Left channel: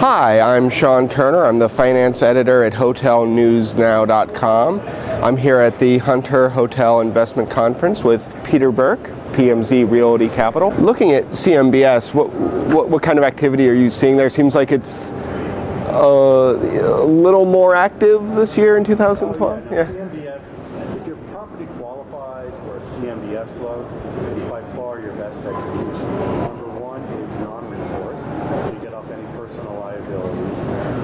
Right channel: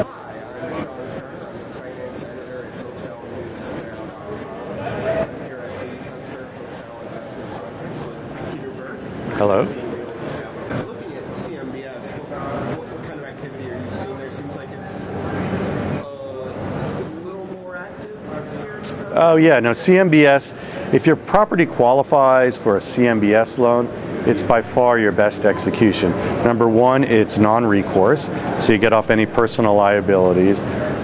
Hi, I'm Sean Turner. I'm the finance editor at hotelnewsnow.com. I'm here at the Hunter Hotel Investment Conference with Peter Berk, PMZ Realty Capital. Looking at CMBS, what kind of activity are you seeing there? Seems like it's a little more active this year in 2012. Oh yeah, no, CMBS, if your property qualifies for a CMBS loan, it's by far your best execution. Number one, it's non-recourse, so you get off any personal liabilities.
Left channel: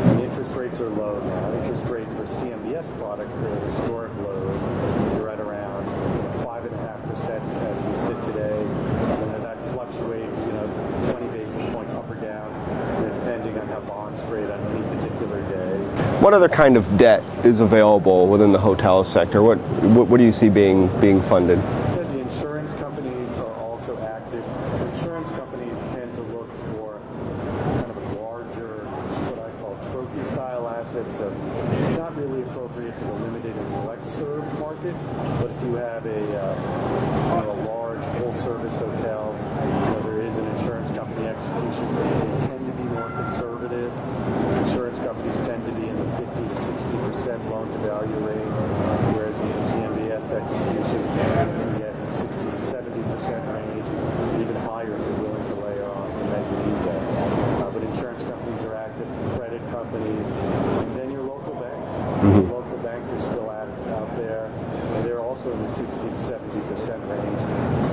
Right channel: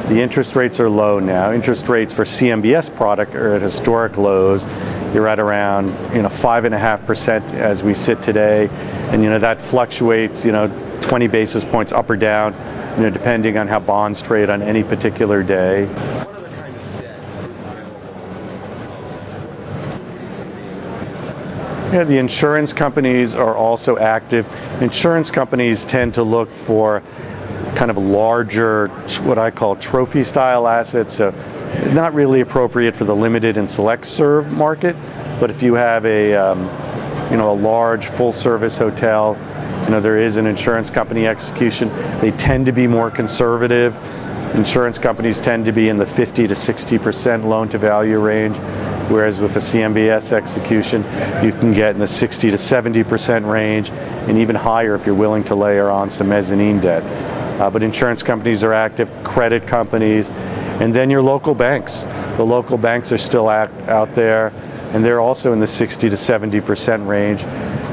The interest rates are low now. Interest rates for CMBS product are at historic lows. You're at around 5.5% as we sit today, and that fluctuates 20 basis points up or down, depending on how bonds trade on any particular day. What other kind of debt is available within the hotel sector? What do you see being funded? Yeah, the insurance companies are also active. Insurance companies tend to look for kind of larger, what I call trophy style assets. So not really appropriate for the limited and select serve market, but if you have a large full service hotel, there is an insurance company execution. They tend to be more conservative. Insurance companies tend to be in the 50 to 60% loan to value range, whereas with a CMBS execution, you can get in the 60 to 70% range, and even higher if you're willing to layer on some mezzanine debt. But insurance companies are active, credit companies, and then your local banks. Mm-hmm. The local banks are still out there, and they're also in the 60 to 70% range.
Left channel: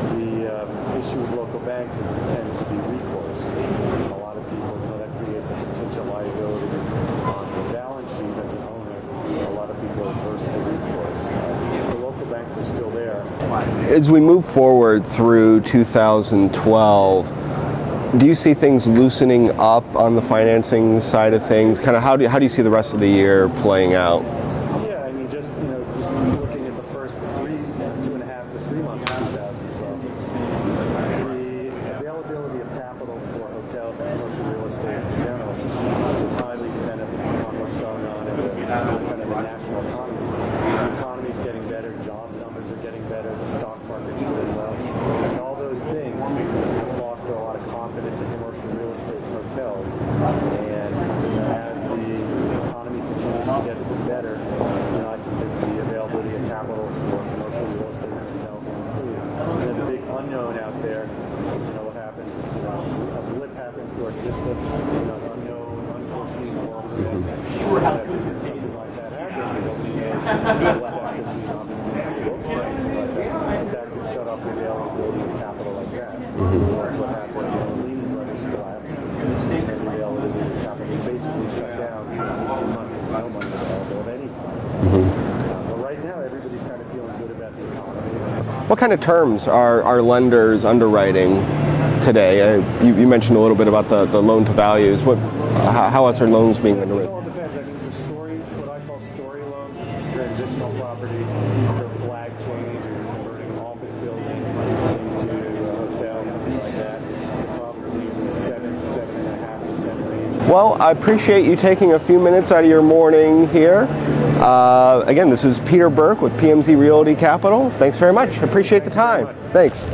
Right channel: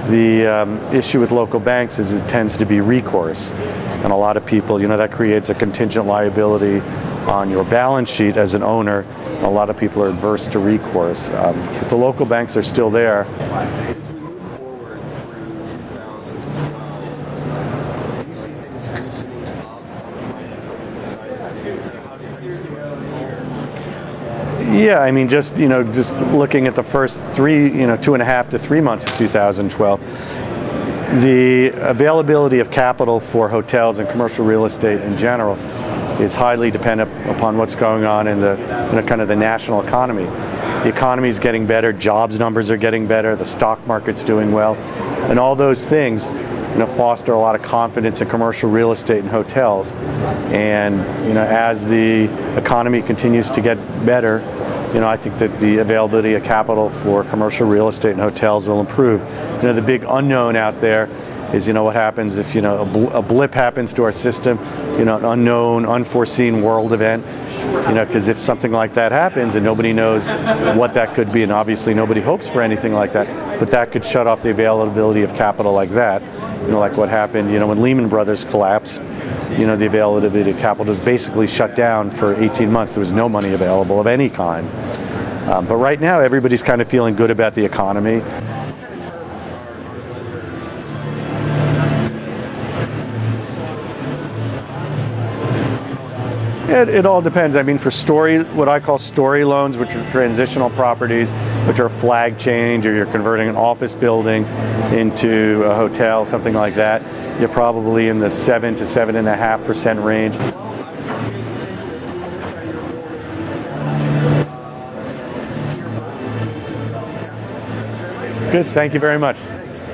The issue with local banks is it tends to be recourse, and a lot of people, that creates a contingent liability on your balance sheet as an owner. A lot of people are adverse to recourse. The local banks are still there. As we move forward through 2012, do you see things loosening up on the financing side of things? Kind of how do you see the rest of the year playing out? Yeah, I mean, just looking at the first 2.5 to 3 months of 2012, the availability of capital for hotels and commercial real estate in general is highly dependent upon what's going on in the kind of the national economy. The economy is getting better, jobs numbers are getting better, the stock market's doing well, and all those things foster a lot of confidence in commercial real estate and hotels. And as the economy continues to get better, I think that the availability of capital for commercial real estate and hotels will improve. The big unknown out there is what happens if a blip happens to our system, an unknown, unforeseen world event. Because if something like that happens and nobody knows what that could be, and obviously nobody hopes for anything like that, but that could shut off the availability of capital like that. Like what happened, when Lehman Brothers collapsed, the availability of capital just basically shut down for 18 months. There was no money available of any kind. But right now, everybody's kind of feeling good about the economy. What kind of terms are lenders underwriting today? You mentioned a little bit about the loan to values. How else are loans being? It all depends. I mean, for what I call story loans, which are transitional properties, which are flag change, or you're converting an office building into a hotel, something like that, you're probably in the 7 to 7.5% range. Well, I appreciate you taking a few minutes out of your morning here. Again, this is Peter Berk with PMZ Realty Capital. Thanks very much. Appreciate Thank you very much. Thanks.